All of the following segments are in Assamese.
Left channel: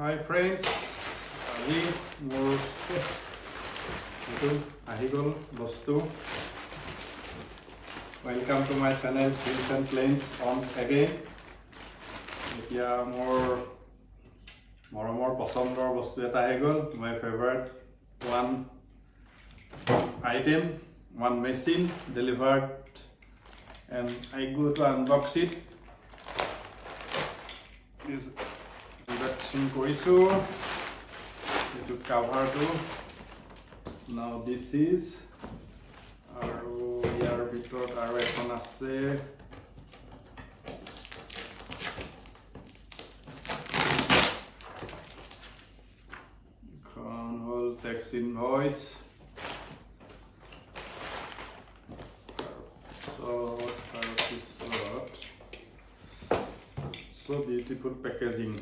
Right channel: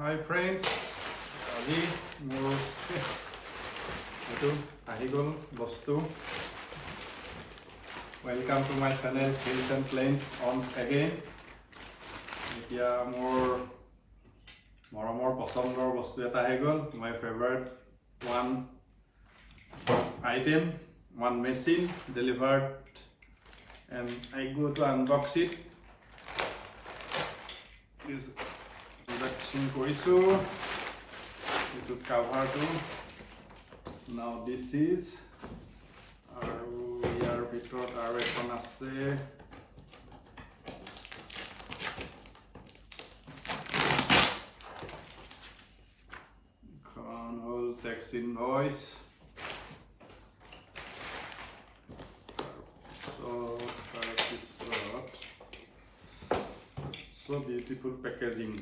Hi friends, আজি মোৰ এইটো আহি গ'ল বস্তু। Welcome to my channel Hills and Plains once again. এতিয়া মোৰ মৰমৰ পছন্দৰ বস্তু এটা আহি গ'ল, my favorite one item, one machine delivered, and I go to unbox it. This unboxing কৰিছো এইটো coverটো. Now this is আৰু ইয়াৰ ভিতৰত আৰু এখন আছে এখন হ'ল tax invoice তাৰপিছত so beautiful packaging.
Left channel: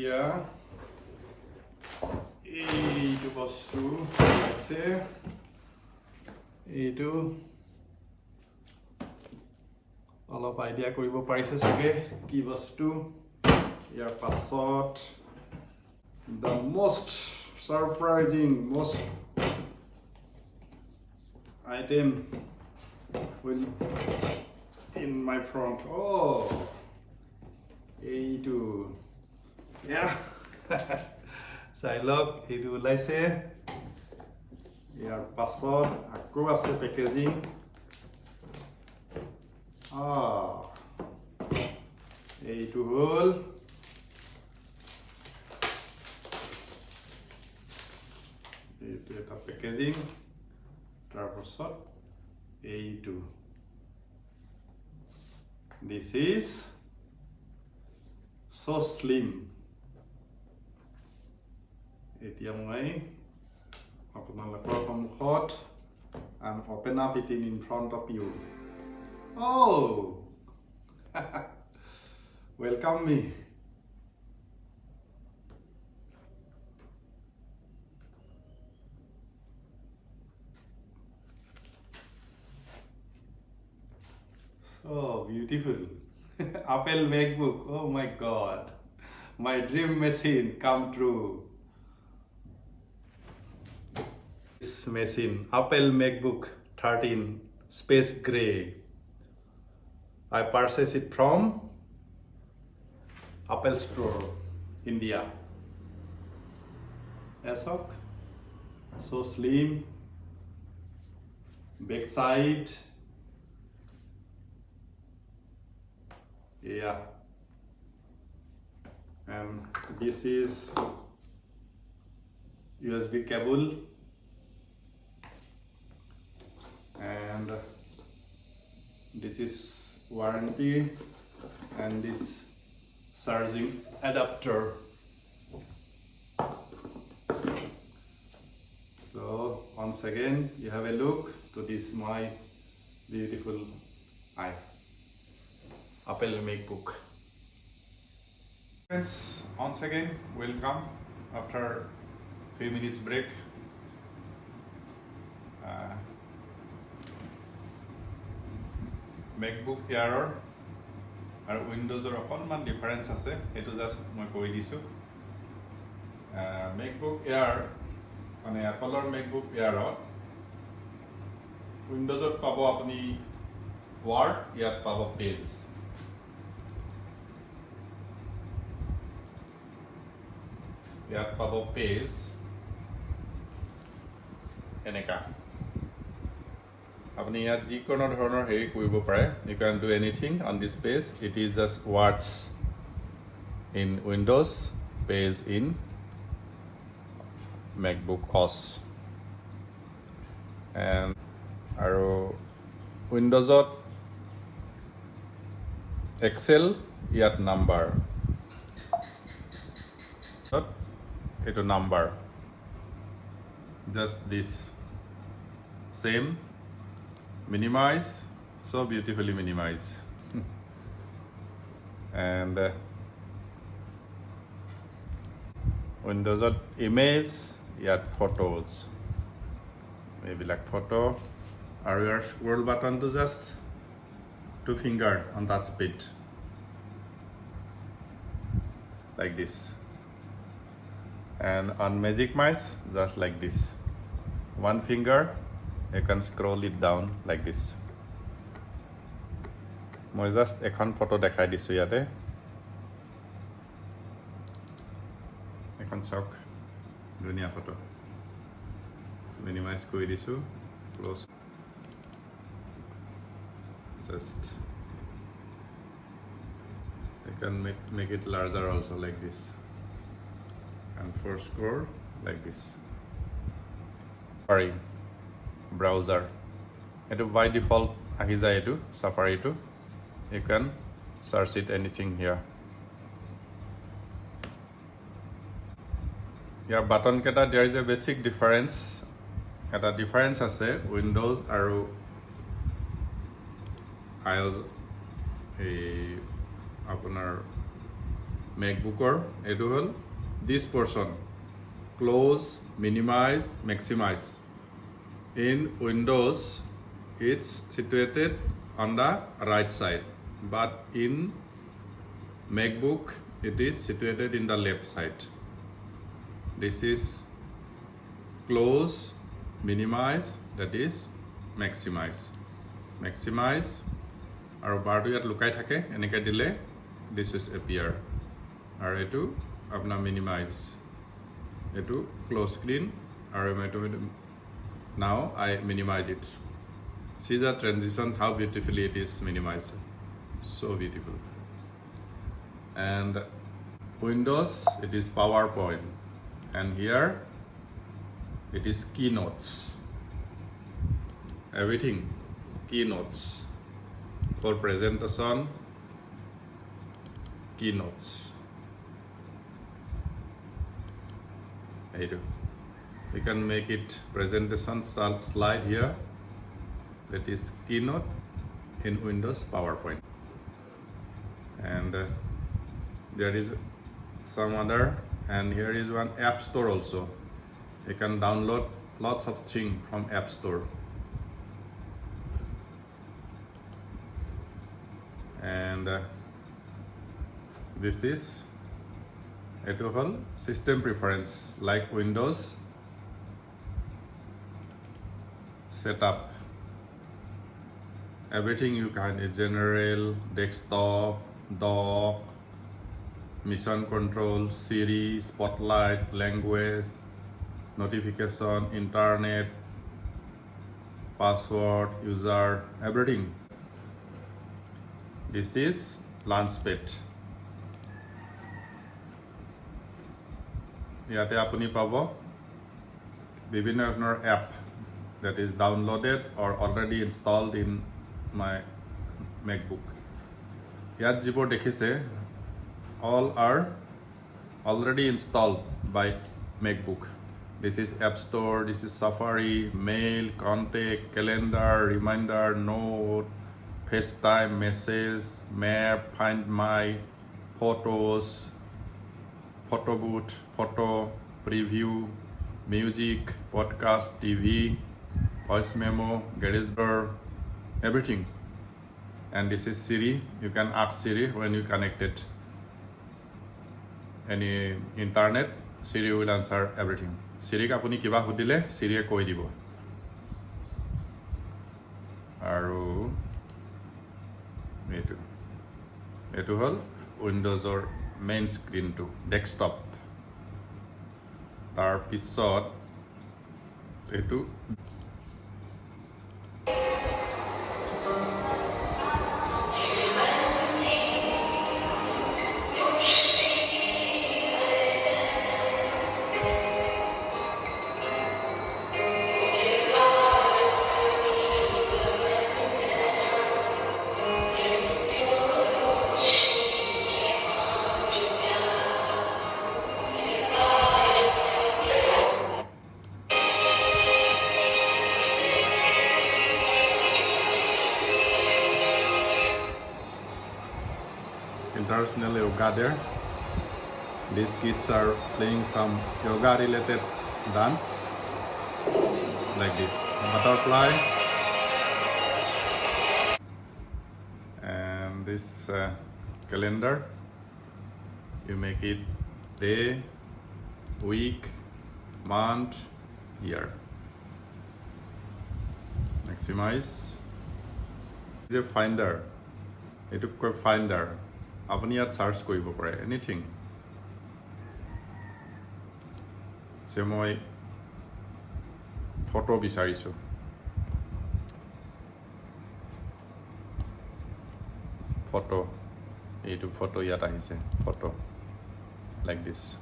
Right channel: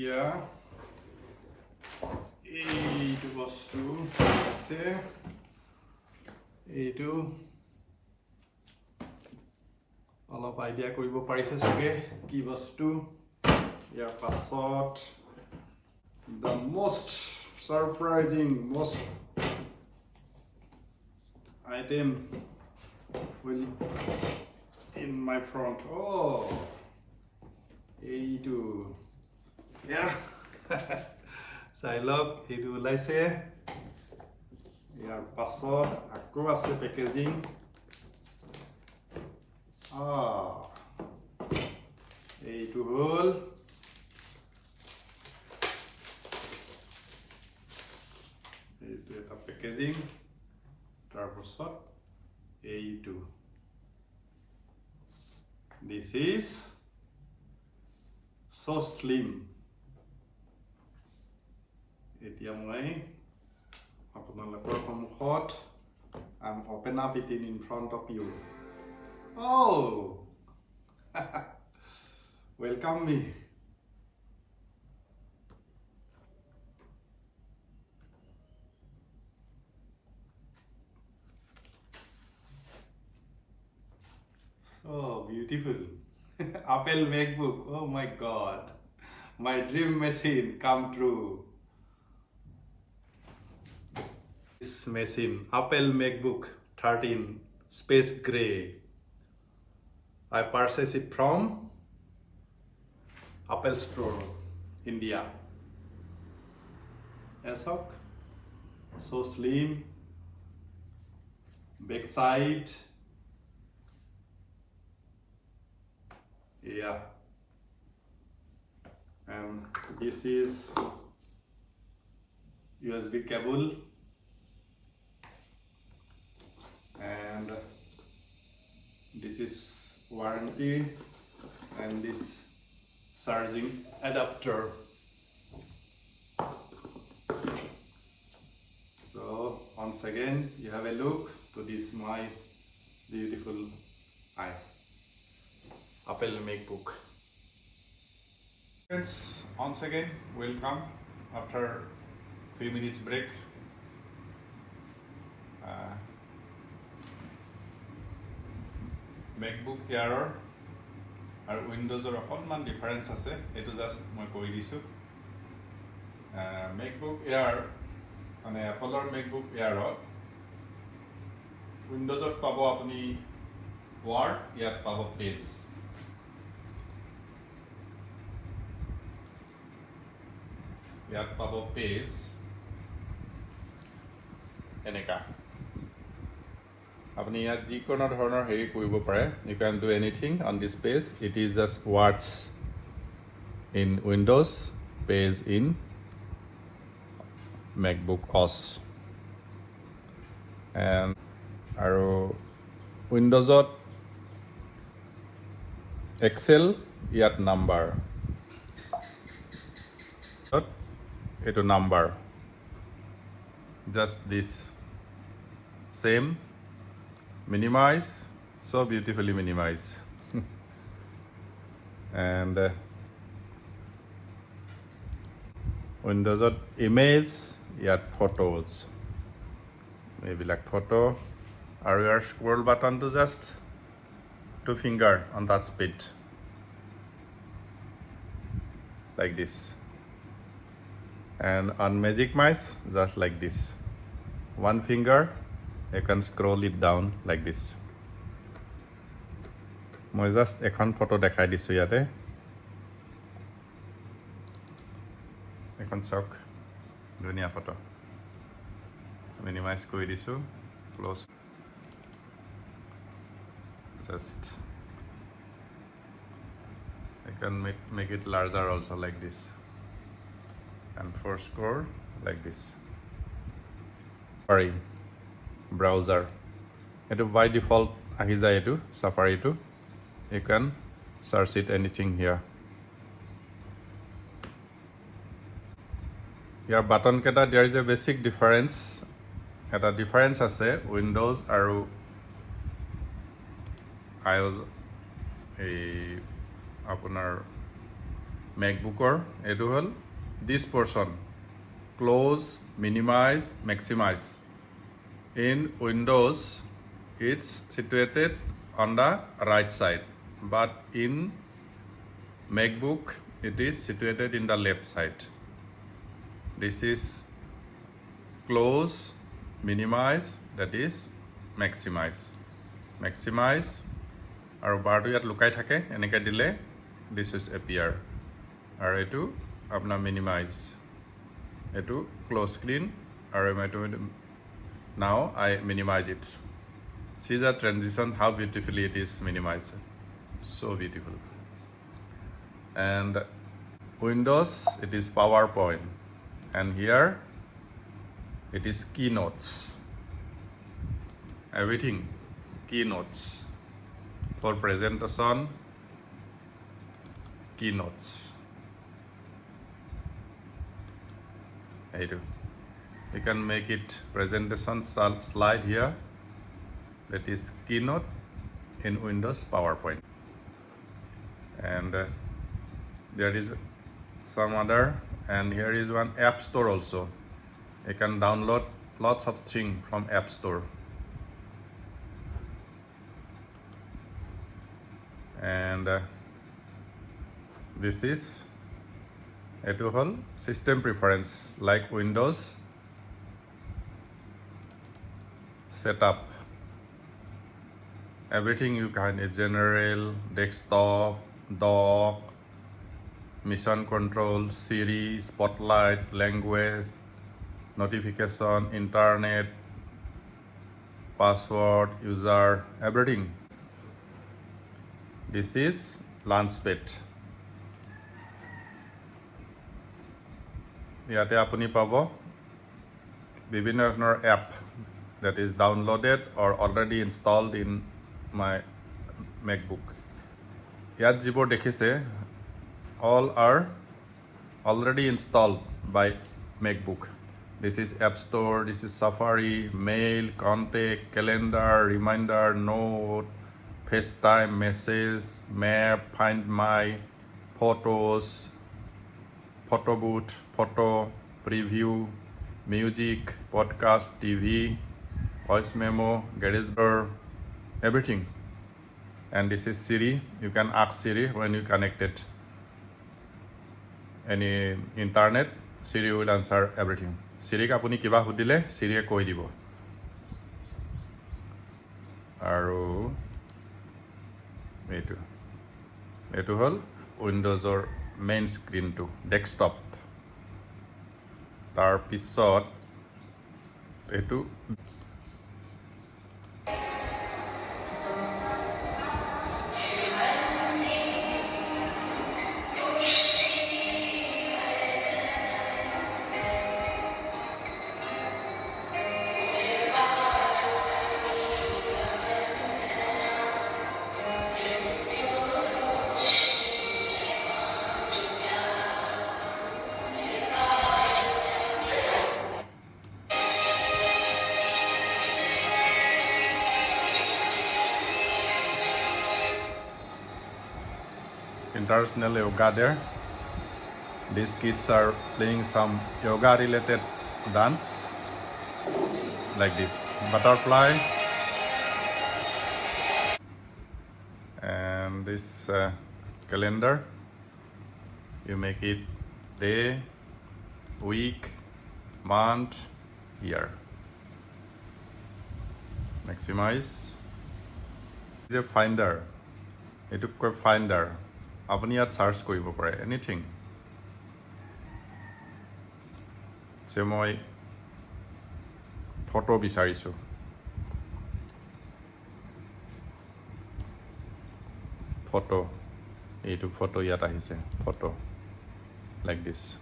এতিয়া এইটো বস্তু আছে, এইটো অলপ আইডিয়া কৰিব পাৰিছে চাগে কি বস্তু। ইয়াৰ পাছত the most surprising item will in my front. Oh, এইটো চাই লওক এইটো ওলাইছে। ইয়াৰ পাছত আকৌ আছে পেকেজিং। এইটো হ'ল এইটো এটা পেকেজিং। তাৰপাছত এইটো this is so slim. এতিয়া মই আপোনালোকৰ সন্মুখত I'm open up it in front of you. Oh, welcome me. So beautiful. Apple MacBook. Oh my God. My dream machine come true. This machine, Apple MacBook 13 Space Gray. I purchased it from Apple Store, India. ASOC, so slim, back side. Yeah, and this is USB cable, and this is warranty, and this charging adapter. So once again you have a look to this my beautiful Apple MacBook. Friends, once again welcome after few minutes break. MacBook Air আৰু উইণ্ডোজৰ অকণমান ডিফাৰেঞ্চ আছে, সেইটো জাষ্ট মই কৈ দিছোঁ। MacBook Air মানে এপলৰ MacBook Airত উইণ্ডোজত পাব আপুনি ৱাৰ্ড, ইয়াত পাব পেজ। ইয়াত পাব পেজ এনেকা। আপুনি ইয়াত যিকোনো ধৰণৰ হেৰি কৰিব পাৰে। You can do anything on this page. It is just words in Windows, page in MacBook OS. And আৰু উইণ্ডোজত এক্সেল, ইয়াত নাম্বাৰ, এইটো number, just this same. Minimize, so beautifully minimize. And Windows image, yet photos. Maybe like photo. Or your scroll button to just 2 finger on that speed. Like this. And on Magic Mouse, just like this. 1 finger, you can scroll it down like this. I just এখন photo দেখাই দিছো ইয়াতে এখন চাওক ধুনীয়া photo minimize কৰি দিছো close just you can make it larger also like this and for score like this. Sorry, browser it by default ahi jay etu Safari to. You can search it anything here. Your button keta there is a basic difference. Eta difference ase Windows aru iOS apunar MacBook Air etu hol this portion close, minimize, maximize. In Windows it's situated on the right side, but in MacBook it is situated in the left side. This is close, minimize, that is maximize. Maximize aru bar to yat lukai thake eneka dile this is appear aru etu apna minimize etu close screen aru now I minimize it. See the transition, how beautifully it is minimized. So beautiful. And Windows, it is PowerPoint. And here, it is keynotes. Everything, keynotes. For presentation, keynotes. You can make it presentation slide here. That is keynote in Windows PowerPoint. And there is some other, and here is one app store also. You can download lots of things from app store. And this is a whole system preference like Windows setup. Everything you can, general, desktop, dock, mission control, Siri, spotlight, language, notification, internet, password, user, everything. This is Launchpad. Yate apuni pabo bibhinno dhoroner app that is downloaded or already installed in my MacBook. Yat jibor dekhise all are already installed by MacBook. This is App Store, this is Safari, Mail, Contact, Calendar, Reminder, Note, FaceTime, Message, Map, Find My, Photos, Photo Booth, Photo, Preview, Music, Podcast, TV, Voice Memo, GarageBand, everything. And this is Siri. You can ask Siri when you connect it. Any internet, Siri will answer everything. Siri ka apuni kiba hudile, Siri koi dibo. Aru etu hol Windows or main screen to desktop. Tar pisot etu international yoga there. these kids are playing some yoga related dance like this butterfly and this calendar. You make it day, week, month, year. Maximize. This is a finder. It is a finder. Apni at search koribo pare anything. So moi photo bisarisu. Photo. Etu photo yat ahise. Photo. Like this.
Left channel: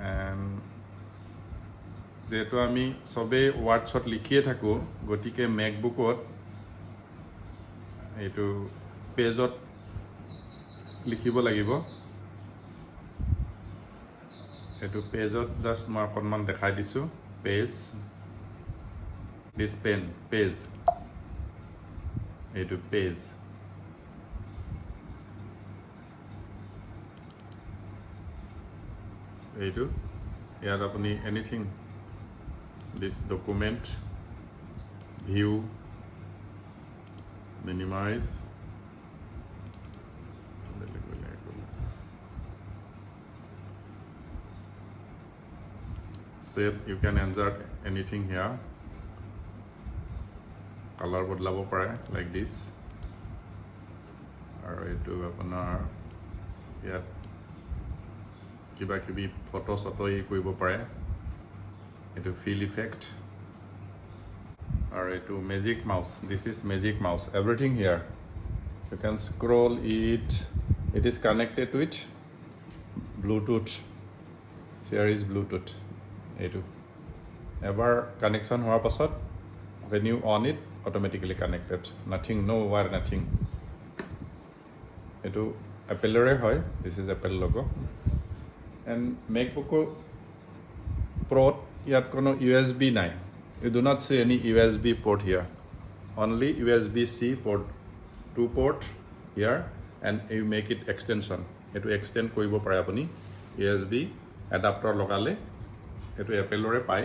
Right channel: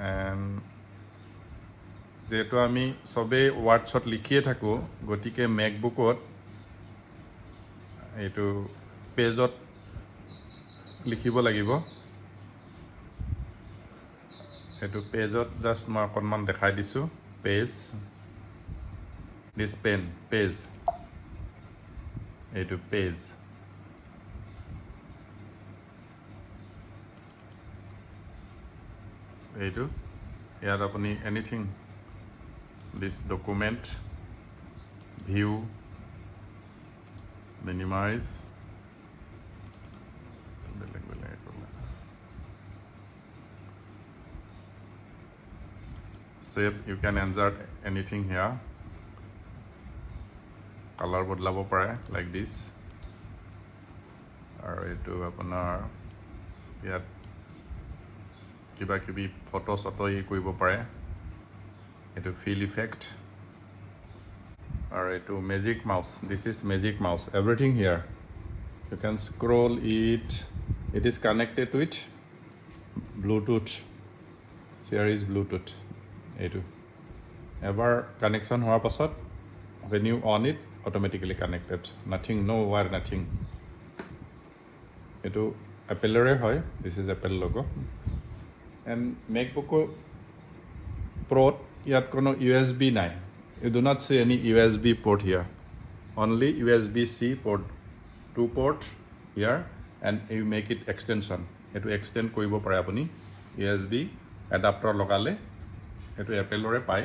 And যেহেতু আমি সবে ওয়ার্ডছত লিখিয়ে থাকো গতিকে মেকবুকত এইটো পেজত লিখিব লাগিব এইটো পেজত জাস্ট মই অকণমান দেখাই দিছোঁ পেজ দিছ পেন পেজ এইটো পেজ এইটো ইয়াত আপুনি anything this document view minimize save you can insert anything here color bodlabo pare like this aru etu apunar yat kiba kibi photo soto e koibo pare etu fill effect or etu magic mouse. This is magic mouse. Everything here you can scroll it. It is connected with Bluetooth. Here is Bluetooth. Etu ever connection hoar pasot when you on it automatically connected. Nothing, no wire, nothing. Etu Apple re hoy. This is Apple logo and MacBook Pro. Yet kono USB 9. You do not see any USB port here. Only USB-C port, 2 port here, and you make it extension. It will extend koibo pare apuni USB adapter logale. It will Apple re pai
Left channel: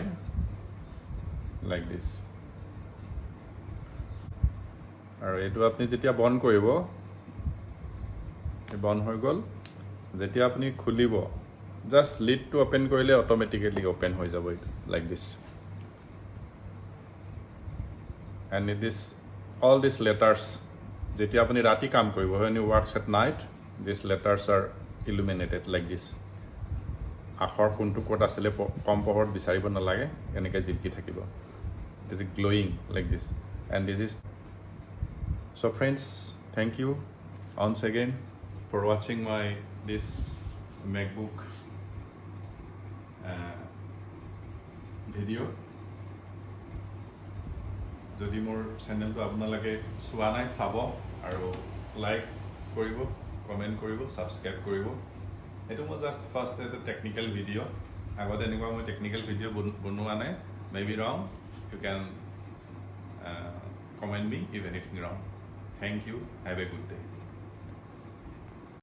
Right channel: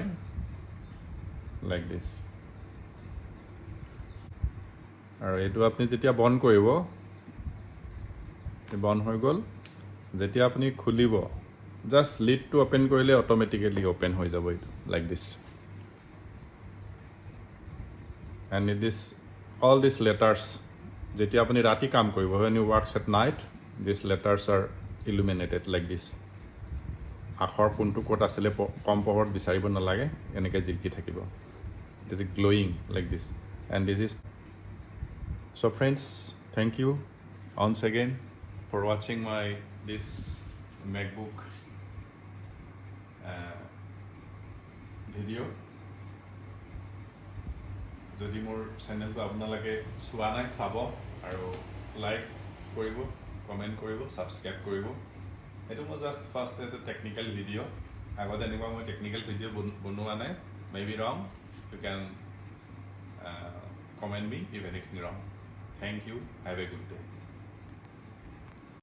like this. Or it will apni jetia bon koribo. Bon hoy gol. Jetia apni khulibo. Just lid to open koile automatically open hoy jabo like this. And it is all these letters jeti apni rati kaam koribo when you work at night these letters are illuminated like this. Akhor kuntu kot asile kom power bisaribo na lage enike jilki thakibo. This is glowing like this and this is. So friends, thank you once again for watching my this MacBook video. যদি মোৰ চেনেলটো আপোনালোকে চোৱা নাই চাব আৰু লাইক কৰিব কমেণ্ট কৰিব ছাবস্ক্ৰাইব কৰিব এইটো মই জাষ্ট ফাৰ্ষ্ট এটা টেকনিকেল ভিডিঅ' আগতে এনেকুৱা মই টেকনিকেল ভিডিঅ' বনোৱা নাই may be wrong you can comment me if anything wrong thank you have a good day